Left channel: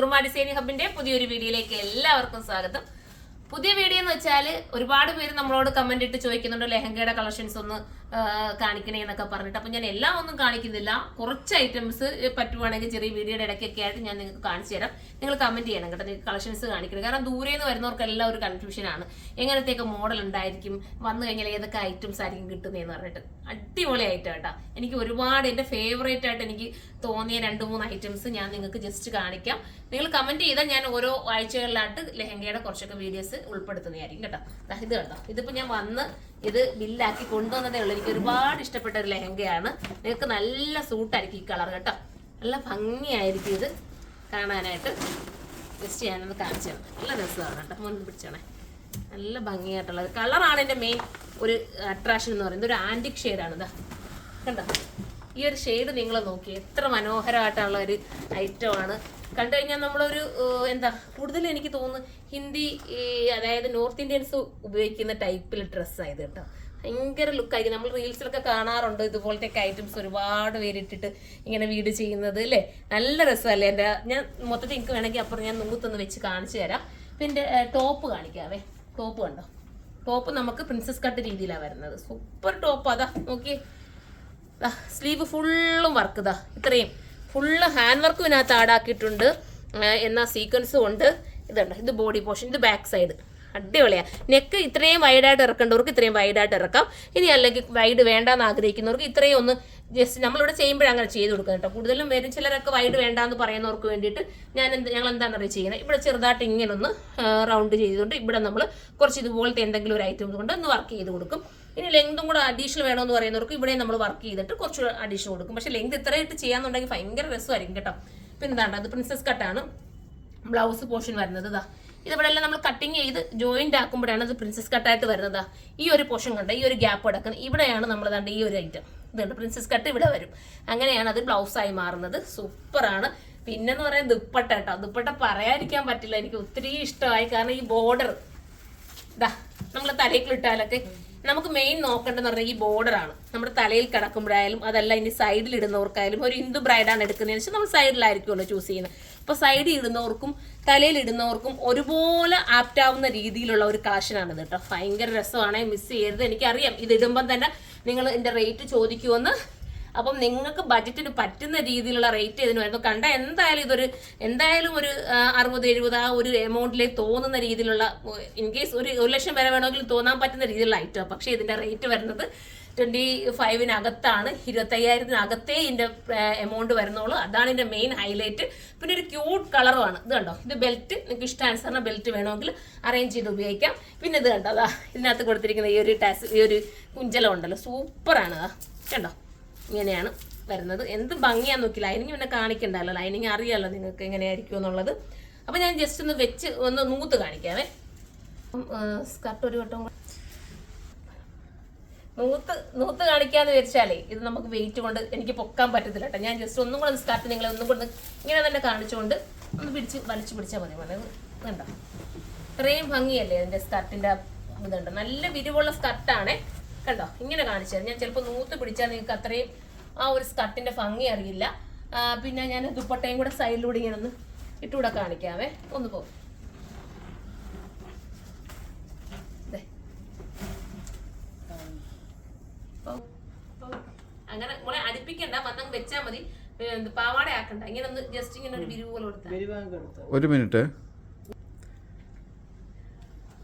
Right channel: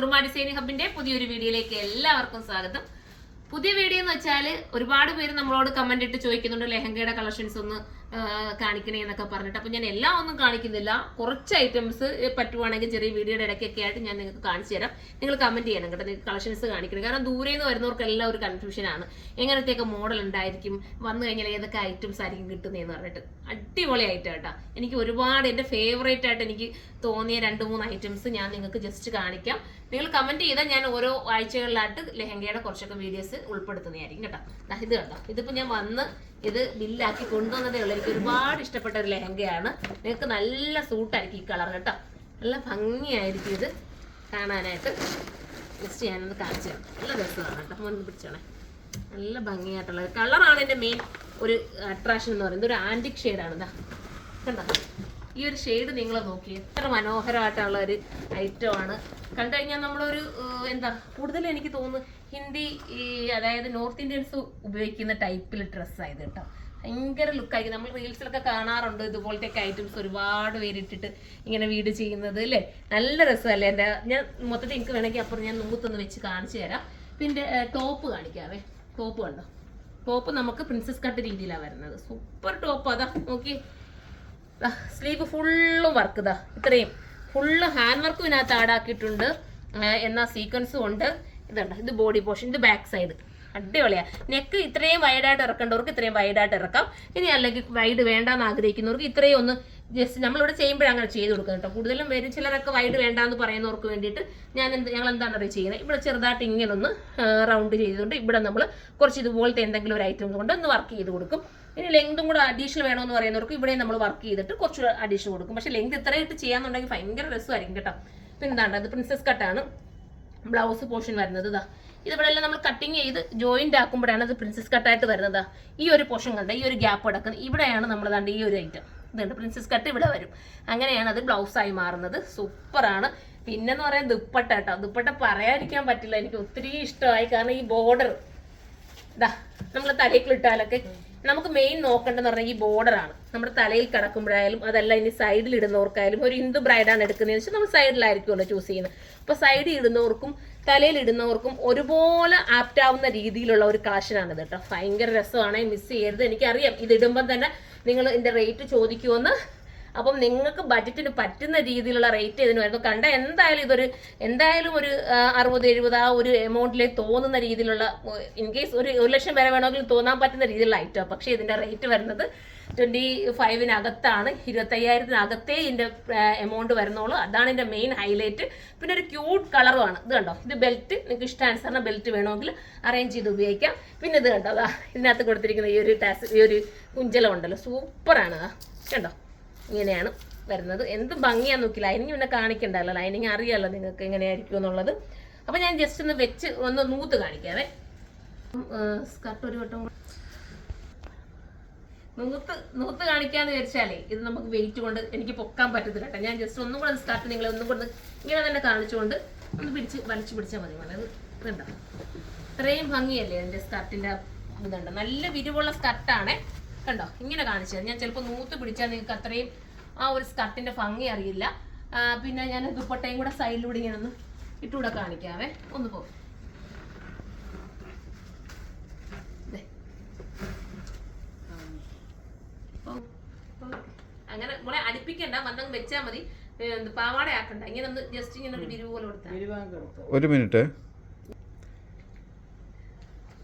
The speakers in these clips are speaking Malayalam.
സുറുമ ഡിസൈനിങ് ഹബിന്റെ പുതിയൊരു വീഡിയോയിലേക്ക് എല്ലാവർക്കും സ്വാഗതം. പുതിയ വീഡിയോ എന്ന് വെച്ചാൽ ഒരുപാട് പേര് നമ്മളോട് കമന്റ് ഇട്ട് ചോദിക്കുന്നുണ്ട് ലെഹങ്കയുടെ കളക്ഷൻസ് ഒന്ന് കാണിക്കണേ എന്നൊക്കെ പറഞ്ഞിട്ട്. അപ്പം ഞാൻ എല്ലാം ഒന്നും കാണിക്കുന്നില്ല, കുറച്ച് ഐറ്റംസ് പറ്റുവാണെങ്കിൽ ചെറിയ വീഡിയോയുടെ ഇടയ്ക്കൊക്കെ ആയിട്ട് ഞാൻ നിങ്ങൾക്ക് കാണിച്ചു തരാം. നിങ്ങൾ കമന്റ് ചെയ്യണം കേട്ടോ, നിങ്ങൾക്ക് കളക്ഷൻസ് കാണിക്കണം. കാരണം ദൂരെ നിന്ന് വരുന്നവർക്കെല്ലാം ഒരു കൺഫ്യൂഷനാണ്, എങ്ങനത്തെയൊക്കെ മോഡൽ ഉണ്ടായിരിക്കും, വന്നു കഴിഞ്ഞാൽ ഏതൊക്കെ ഐറ്റംസ് ആയിരിക്കും കിട്ടുന്നതെന്ന് പറഞ്ഞിട്ട്. അടിപൊളി ഐറ്റം കേട്ടോ, എനിക്ക് ഒരുപാട് എൻ്റെ ഫേവറേറ്റ് ആയിട്ട് എനിക്ക് തോന്നിയ 2-3 ഐറ്റംസ് ഞാൻ നിങ്ങൾക്ക് ജസ്റ്റ് കാണിക്കാം. നിങ്ങൾ കമന്റ് ചെയ്താൽ ഞാൻ ഓരോ ആഴ്ചകളിലായിട്ട് ലെഹങ്കയുടെ കുറച്ചൊക്കെ വീഡിയോസ് ഉൾപ്പെടുത്തുന്നതായിരിക്കും കേട്ടോ. ഇത് കേട്ടോ, ഇതിപ്പോൾ ഞാൻ വന്ന് ഇത് ബില്ലാക്കി കൊണ്ടുവന്നതേ ഉള്ളൂ. എനിക്ക് ഒരുപാട് ഇഷ്ടപ്പെട്ട ഒരു ലെഹങ്കയാണ്. നിങ്ങൾക്ക് നല്ല സൂട്ടായിരിക്കും ഈ കളർ കേട്ടോ, നല്ല ഭംഗിയായിരിക്കും ഇത് കാണാനായിട്ട്. ജസ്റ്റ് ഞാനൊന്ന് കാണിച്ചു തരാം. നല്ല രസമാണ് കേട്ടോ, മുൻപ് പിടിച്ചാണേ. നല്ല ഭംഗിയായിട്ടുള്ള ഒരു കളറാണ് എൻ്റെ മെയിൻ ഒരു അട്രാക്ഷൻ എന്ന് പറയുന്നത്. ഒരു ആൻറ്റിക് ഷെയ്ഡാണ് ഇതാ കണ്ടോ. ഈ ഒരു ഷെയ്ഡ് നിങ്ങൾ നോക്കി, എത്ര മനോഹരമായിട്ടുള്ള ഒരു ഐറ്റമാണ്. കണ്ടു കഴിഞ്ഞാൽ നമ്മളൊരു എന്താ കൂടുതൽ എനിക്ക് തോന്നുന്നു ഹിന്ദി അതായത് നോർത്ത് ഇന്ത്യൻസ് ഉപയോഗിക്കുന്ന ടൈപ്പിൽ ഡ്രസ്സായത് കേട്ടോ. ഭയങ്കര ലുക്കായിരിക്കും. നമ്മൾ റീൽസിലൊക്കെ കാണാറുണ്ട് ഇതുപോലത്തെ ഐറ്റംസ് ഒരുപാട് പേരിട്ടിട്ട് ഇങ്ങനെ വീട് ചെയ്യുന്നത് അല്ലേ. നല്ല രസമല്ലേ. എൻ്റെ ഞാൻ മൊത്തത്തിൽ എനിക്ക് വേണമെങ്കിൽ അപ്പുറം ഞാൻ നൂത്തൊന്ന് വെച്ച് കാണിച്ചു തരാം. പിന്നെ ടോപ്പ് കാണിക്കാവേ. ടോപ്പ് കണ്ടോ, ടോപ്പ് നമുക്ക് പ്രിൻസസ് കട്ട് രീതിയിലാണ് വരുന്നത്. Super top. അതാ നോക്കി, സ്ലീവ് ഫുള്ളും വർക്ക് ഇതാ, ഇത്രയും ഫുള്ള് ഹാൻഡ് വർക്കും ഇതിനകത്ത് ആഡാക്കിയിട്ടുണ്ട്. എന്നാൽ സീക്വൻസും ഉണ്ട്. ഇതുണ്ട്, ഇത് ബോഡി പോർഷൻ, ഇത് ബാക്ക് സൈഡ്. അടിപൊളിയാണ്. നെക്ക് ഇത്രയും വൈഡായിട്ട് ഇറക്കേണ്ടവർക്ക് ഇത്രയും വൈഡായിട്ട് ഇറക്കാം. ഇനി അല്ലെങ്കിൽ വൈഡ് വേണ്ടാന്ന് ആഗ്രഹിക്കുന്നവർക്ക് ഇത്രയും ഒന്ന് ജസ്റ്റ് നമ്മളിവിടെ ചെയ്യുമ്പോഴേ അങ്ങനെ ചെയ്ത് കൊടുക്കാം കേട്ടോ. കൂടുതലും വരും ചിലരൊക്കെ വൈഡ് വേണ്ടാന്ന് പറയുന്നവർക്ക് വേണ്ടിയിട്ട് ഞങ്ങൾ എന്താണെന്ന് അറിയാം ചെയ്യുന്നത്, ഇവിടെ ചെറുതായിട്ട് ഇങ്ങനെ ഒന്ന് റൗണ്ട് ചെയ്തുകൊണ്ട് ഇവിടെ നമ്മൾ കുറച്ച് ഇതുപോലത്തെ എന്തെങ്കിലും ഒരു ഐറ്റം കൊണ്ട് ഒന്ന് വർക്ക് ചെയ്ത് കൊടുക്കും. ഇനി ലെങ്തും കൂടെ അഡീഷണൽ വേണമെന്ന് പറയുന്നവർക്ക് ഇവിടെ നമ്മൾ വർക്ക് ചെയ്തിട്ട് കുറച്ച് അഡീഷണൽ കൊടുക്കും. പക്ഷേ ലെങ്ത് ഇത്രയായിട്ട് ചെയ്യാന്നുണ്ടെങ്കിൽ ഭയങ്കര രസമായിരിക്കും കേട്ടോ. പിന്നെ എന്താണ്, അത് പ്രിൻസസ് കട്ടാണ്. ബ്ലൗസ് പോർഷൻ വരുന്നത് ഇതാ, ഇതിവിടെ എല്ലാം നമ്മൾ കട്ടിങ് ചെയ്ത് ജോയിന്റ് ആക്കുമ്പോഴാണ് അത് പ്രിൻസസ് കട്ടായിട്ട് വരുന്നത്. ഈ ഒരു പോർഷൻ കണ്ട, ഈ ഒരു ഗ്യാപ്പ് അടക്കുന്നത് ഇവിടെയാണ് നമ്മൾ കണ്ട ഈ ഒരു ഐറ്റം ഇതുണ്ട്, പ്രിൻസസ് കട്ട് ഇവിടെ വരും. അങ്ങനെയാണ് അത് ബ്ലൗസായി മാറുന്നത്. സൂപ്പറാണ്. പിന്നെന്ന് പറയുന്നത് ദുപ്പട്ട കേട്ടോ. ദുപ്പട്ട പറയാതിരിക്കാൻ പറ്റില്ല, എനിക്ക് ഒത്തിരി ഇഷ്ടമായി. കാരണം ഈ ബോർഡർ ഇതാ നമ്മൾ തലയ്ക്കിലിട്ടാലൊക്കെ നമുക്ക് മെയിൻ നോക്കേണ്ടതെന്ന് പറഞ്ഞാൽ ഈ ബോർഡറാണ്. നമ്മുടെ തലയിൽ കിടക്കുമ്പോഴായാലും അതല്ല ഇനി സൈഡിൽ ഇടുന്നവർക്കായാലും, ഒരു ഹിന്ദു ബ്രൈഡാണ് എടുക്കുന്നതെന്ന് വെച്ചാൽ നമ്മൾ സൈഡിലായിരിക്കുമല്ലോ ചൂസ് ചെയ്യുന്നത്. അപ്പോൾ സൈഡിൽ ഇടുന്നവർക്കും തലയിൽ ഇടുന്നവർക്കും ഒരുപോലെ ആപ്റ്റ് ആവുന്ന രീതിയിലുള്ള ഒരു കളക്ഷനാണ് ഇത് കേട്ടോ. ഭയങ്കര രസമാണ്, മിസ് ചെയ്യരുത്. എനിക്കറിയാം ഇത് ഇടുമ്പം തന്നെ നിങ്ങൾ ഇതിൻ്റെ റേറ്റ് ചോദിക്കുമെന്ന്. അപ്പം നിങ്ങൾക്ക് ബഡ്ജറ്റിന് പറ്റുന്ന രീതിയിലുള്ള റേറ്റ് ഇതിന് വരുന്നു. കണ്ട എന്തായാലും ഒരു 60-70 ആ ഒരു എമൗണ്ടിലേക്ക് തോന്നുന്ന രീതിയിലുള്ള, ഇൻ കേസ് ഒരു 1 ലക്ഷം വരെ വേണമെങ്കിൽ തോന്നാൻ പറ്റുന്ന രീതിയിലുള്ള ഐറ്റം. പക്ഷേ ഇതിൻ്റെ റേറ്റ് വരുന്നത് 25,000-നകത്താണ്. 25,000-നകത്തേ ഇതിൻ്റെ എമൗണ്ട് വരുന്നുള്ളൂ. അതാണ് ഇതിൻ്റെ മെയിൻ ഹൈലൈറ്റ്. പിന്നെ ഒരു ക്യൂട്ട് കളറുമാണ് ഇത് കണ്ടോ. ഇത് ബെൽറ്റ് നിങ്ങൾക്ക് ഇഷ്ടാനുസരണം ബെൽറ്റ് വേണമെങ്കിൽ അറേഞ്ച് ചെയ്ത് ഉപയോഗിക്കാം. പിന്നെ ഇത് കണ്ടോ, അതാ ഇതിനകത്ത് കൊടുത്തിരിക്കുന്ന ഈ ഒരു കുഞ്ചലം ഉണ്ടല്ലോ, സൂപ്പറാണ് കണ്ടോ. ഇങ്ങനെയാണ് വരുന്നത്. എന്ത് ഭംഗിയാന്ന് നോക്കി. ലൈനിങ് പിന്നെ കാണിക്കണ്ടല്ലോ, ലൈനിങ് അറിയാമല്ലോ നിങ്ങൾക്ക് എങ്ങനെയായിരിക്കും എന്നുള്ളത്. അപ്പം ഞാൻ ജസ്റ്റ് ഒന്ന് വെച്ച് ഒന്ന് നൂത്ത് കാണിക്കാവേ. സ്കർട്ട് ഒരു വട്ടം നൂത്ത് കാണിക്കാന്ന് വിചാരിച്ചാലേ ഇത് നമുക്ക് വെയിറ്റ് കൊണ്ട് എനിക്ക് പൊക്കാൻ പറ്റത്തില്ല കേട്ടോ. ഞാൻ ജസ്റ്റ് ഒന്നും കൂടെ സ്കർട്ട് നിങ്ങളെ ഒന്നും കൂടെ ഇങ്ങനെ തന്നെ കാണിച്ചുകൊണ്ട് ഒന്ന് വലിച്ചു പിടിച്ചാൽ മതി. വളരെ ഇതുണ്ടോ, ഇത്രയും ഭംഗിയല്ലേ ഇതിൻ്റെ സ്കർട്ടിൻ്റെ ഇതുണ്ട്. നല്ല വിരിവുള്ള സ്കർട്ടാണേ കണ്ടോ. ഇങ്ങനെ കാണിച്ചത് ഞാൻ ചിലപ്പോൾ നൂത്ത് പിടിച്ചാൽ നിങ്ങൾക്ക് അത്രയും ആ ഒരു സ്കർട്ടിൻ്റെ ഭംഗി അറിയില്ല. പിന്നെ ഞാൻ ദുപ്പട്ടയും കൂടെ സൈഡിലൂടെ ഇങ്ങനെ ഒന്ന് ഇട്ടുകൂടെ കാണിക്കാവേ. ഒന്ന് പോകും അങ്ങനെ നമ്മളെ അടുപ്പിക്കണ്ട, വന്നങ്ങ് വെച്ചാൽ മതി. പാവാട ആക്കണ്ട, ഇങ്ങനെ ഒന്ന് ജസ്റ്റ് ഇങ്ങനെ ഒരു വിരിവ് പോലെ കൊടുത്താൽ. ഒരു മിനിറ്റ്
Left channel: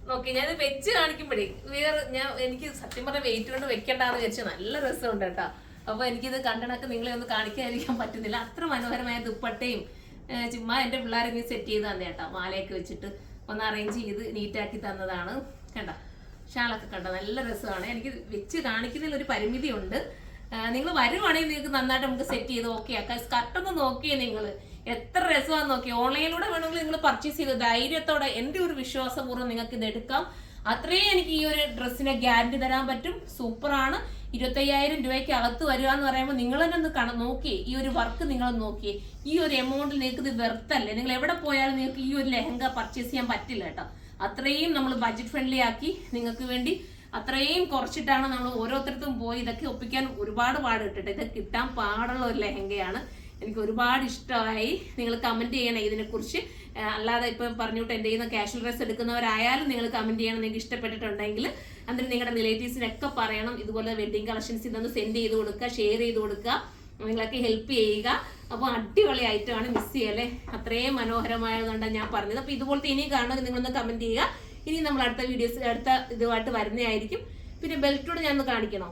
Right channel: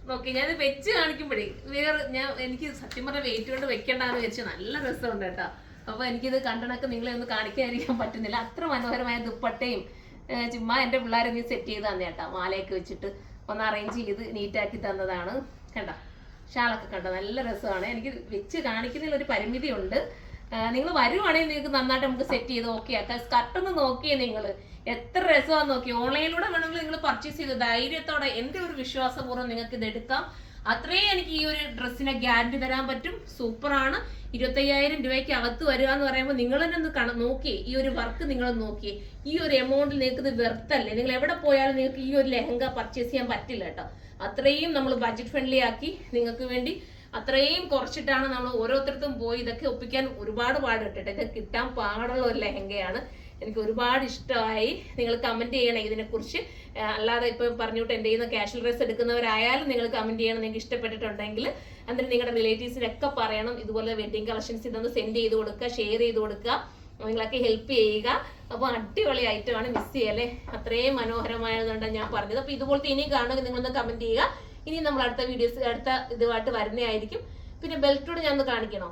നോക്കി ഞാൻ വെച്ച് കാണിക്കുമ്പോഴേ എനിക്ക് സത്യം പറഞ്ഞ വെയിറ്റ് കൊണ്ട് വെക്കണ്ടെന്ന് വിചാരിച്ചാൽ നല്ല രസമുണ്ട് കേട്ടോ. അപ്പോൾ എനിക്കിത് കണ്ടണക്ക് നിങ്ങളെ ഒന്ന് കാണിക്കാതിരിക്കാൻ പറ്റുന്നില്ല. അത്ര മനോഹരമായ ദുപ്പട്ടയും ചുമ്മാ എൻ്റെ പിള്ളേരെ നീ സെറ്റ് ചെയ്ത് തന്നെ കേട്ടോ. മാലയൊക്കെ വെച്ചിട്ട് ഒന്ന് അറേഞ്ച് ചെയ്ത് നീറ്റാക്കി തന്നതാണ് കണ്ടോ. ഷാളൊക്കെ കണ്ടോ, നല്ല രസമാണ്. എനിക്ക് വെച്ച് കാണിക്കുന്നതിൽ ഒരു പരിമിതി ഉണ്ട്. നിങ്ങൾ വരുവാണെങ്കിൽ നിങ്ങൾക്ക് നന്നായിട്ട് നമുക്ക് സെറ്റ് ചെയ്ത് ഓക്കെ ആക്കാം. സ്കർട്ടൊന്ന് നോക്കിയേ നിങ്ങൾ, എത്ര രസമാണെന്ന് നോക്കി. ഓൺലൈനിലൂടെ വേണമെങ്കിൽ നിങ്ങൾ പർച്ചേസ് ചെയ്ത് ധൈര്യത്തോടെ എൻ്റെ ഒരു വിശ്വാസപൂർവ്വം നിങ്ങൾക്ക് ഇത് എടുക്കാം. അത്രയും എനിക്ക് ഈ ഒരു ഡ്രസ്സിനെ ഗ്യാരണ്ടി തരാൻ പറ്റും. സൂപ്പറാണ്. 25,000 രൂപയ്ക്ക് അകത്ത് വരിക എന്ന് പറയുമ്പോൾ നിങ്ങൾ തന്നെ ഒന്ന് നോക്കിയേ. ഈ ഒരു വർക്ക് നിങ്ങൾ നോക്കിയേ. ഈ ഒരു എമൗണ്ടിൽ നിങ്ങൾക്ക് ഇത് വെർത്തല്ലേ. നിങ്ങൾ എവിടെ പോയാലും നിങ്ങൾക്ക് ഈ ഒരു ലെഹങ്ക പർച്ചേസ് ചെയ്യാൻ പറ്റില്ല കേട്ടോ. അത്രയും നമ്മൾ ബഡ്ജറ്റ് ഫ്രണ്ട്ലി ആക്കി നിങ്ങൾക്ക് വേണ്ടി അത്രയും കുറച്ചിട്ടാണ് നമ്മൾ ഓരോരുത്തർക്കും പോയി ഇതൊക്കെ ഒപ്പിക്കാൻ ഒരുപാട് പാട് കിട്ടട്ടെ. ഇത് കിട്ടാൻ പാടുള്ള ഒരു ലെഹങ്കയാണ്. എനിക്ക് ഒരുപാട് ഇഷ്ടമായി. നിങ്ങൾ കമന്റ് ചെയ്യണം ഇതിനെക്കുറിച്ച്. അല്ലാതെ ഇപ്പം പറഞ്ഞിട്ട് എൻ്റെ കയ്യിൽ നിന്ന് കാഷ്വൽ ഡ്രസ് എടുക്കുന്നവരായാലും നിങ്ങൾ കമന്റ് ചെയ്യണം നിങ്ങൾക്ക് ഇഷ്ടപ്പെട്ടിട്ടുണ്ടെങ്കിൽ. എന്നിട്ട് നിങ്ങളുടെ റിലേറ്റീവ്സിനൊക്കെ പറയണം ഇതുപോലെ വെഡിങ് കളക്ഷൻസ് ഇതൊന്ന് സെൻഡ് ചെയ്ത് കൊടുക്കുക, ഷെയർ ചെയ്ത് കൊടുക്കുക, നിങ്ങളൊക്കെ ഹെൽപ്പ് ചെയ്യുക. അപ്പോൾ അടിപൊളി ഐറ്റമാണ്, മിസ് ചെയ്യല്ലേ, അത്രയും മനോഹരമായതുകൊണ്ടാണ് ഞാൻ പറഞ്ഞത്. അപ്പോൾ ഇതുപോലത്തെ ഇനി കാണുക നിങ്ങളൊന്ന് കമന്റ് ചെയ്യുക. ഇനി നമ്മൾ അടുത്ത വീഡിയോസ് അടുത്ത ഇതുമായിട്ട് വരുന്നതായിരിക്കും. പിന്നെ ബെൽറ്റോട് ഞാൻ ഒന്ന് കാണിക്കണോ?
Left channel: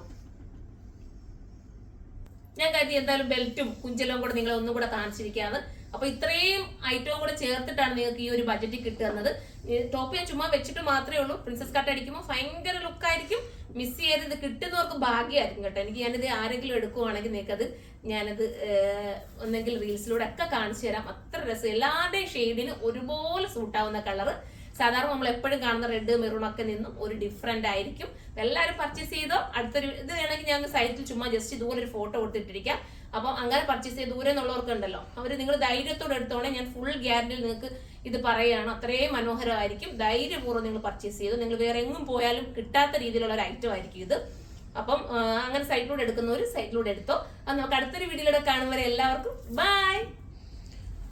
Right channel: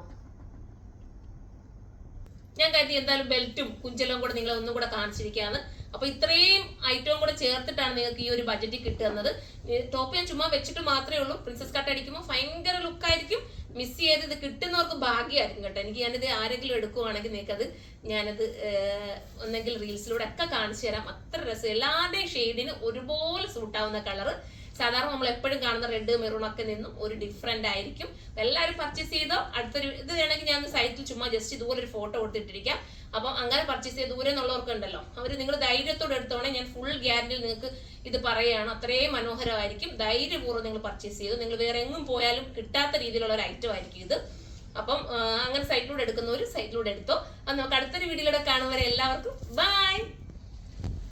ഞാൻ കരുതി എന്തായാലും ബെൽറ്റും കുഞ്ചലും കൂടെ നിങ്ങളെ ഒന്നും കൂടെ കാണിച്ചിരിക്കാന്ന്. അപ്പൊ ഇത്രയും ഐറ്റവും കൂടെ ചേർത്തിട്ടാണ് നിങ്ങൾക്ക് ഈ ഒരു ബഡ്ജറ്റിൽ കിട്ടുന്നത്. ടോപ്പ് ഞാൻ ചുമ്മാ വെച്ചിട്ട് മാത്രമേ ഉള്ളൂ. പ്രിൻസസ് കട്ട് അടിക്കുമ്പോൾ ഭയങ്കര ലുക്കായിരിക്കും. മിസ് ചെയ്ത് ഇത് കിട്ടുന്നവർക്ക് ഭാഗ്യമായിരിക്കും കേട്ടോ. എനിക്ക് ഞാനിത് ആരെങ്കിലും എടുക്കുവാണെങ്കിൽ നിങ്ങൾക്കത് ഞാനത് ഒന്നെങ്കിൽ റീൽസിലൂടെ ഒക്കെ കാണിച്ചു തരാം. അത്ര രസം, എല്ലാവരുടെയും ഷെയ്ഡിന് ഒരുപോലെ സൂട്ടാവുന്ന കളറ്. സാധാരണ നമ്മൾ എപ്പോഴും കാണുന്ന റെഡ് മെറൂൺ ഒക്കെ നിന്നും ഒരു ഡിഫറെന്റ് ആയിരിക്കും. എല്ലാവരും പർച്ചേസ് ചെയ്തോ. അടുത്തൊരു ഇത് വേണമെങ്കിൽ ഞാൻ സൈറ്റിൽ ചുമ്മാ ജസ്റ്റ് ഇതുപോലെ ഒരു ഫോട്ടോ കൊടുത്തിട്ടിരിക്കാം. അപ്പം അങ്ങനെ പർച്ചേസ് ചെയ്ത് ദൂരെ എന്നുള്ളവർക്ക് ഉണ്ടല്ലോ, അവർ നിങ്ങൾ ധൈര്യത്തോടെ എടുത്തോണേ. ഞാൻ ഫുൾ ഗ്യാരണ്ടിയിൽ നിങ്ങൾക്ക് ഇത് പറയുകയാണ്. അത്രയും മനോഹരമായിരിക്കും. ധൈര്യപൂർവ്വം നിങ്ങൾ പർച്ചേസ് ചെയ്തു. നിങ്ങൾ വേറെ എങ്ങും പോയാലും കിട്ടാത്ത രീതിയിലുള്ള ഒരു ഐറ്റം ആയിരിക്കും ഇത്. അപ്പം അങ്ങനെ സൈറ്റിലൂടെ എടുക്കുന്നവർ സൈറ്റിലൂടെ എടുത്തോ. അപ്പം നമുക്ക് അടുത്തൊരു വീഡിയോയിലൂടെ കാണുന്നവരെ എല്ലാവർക്കും ബൈ.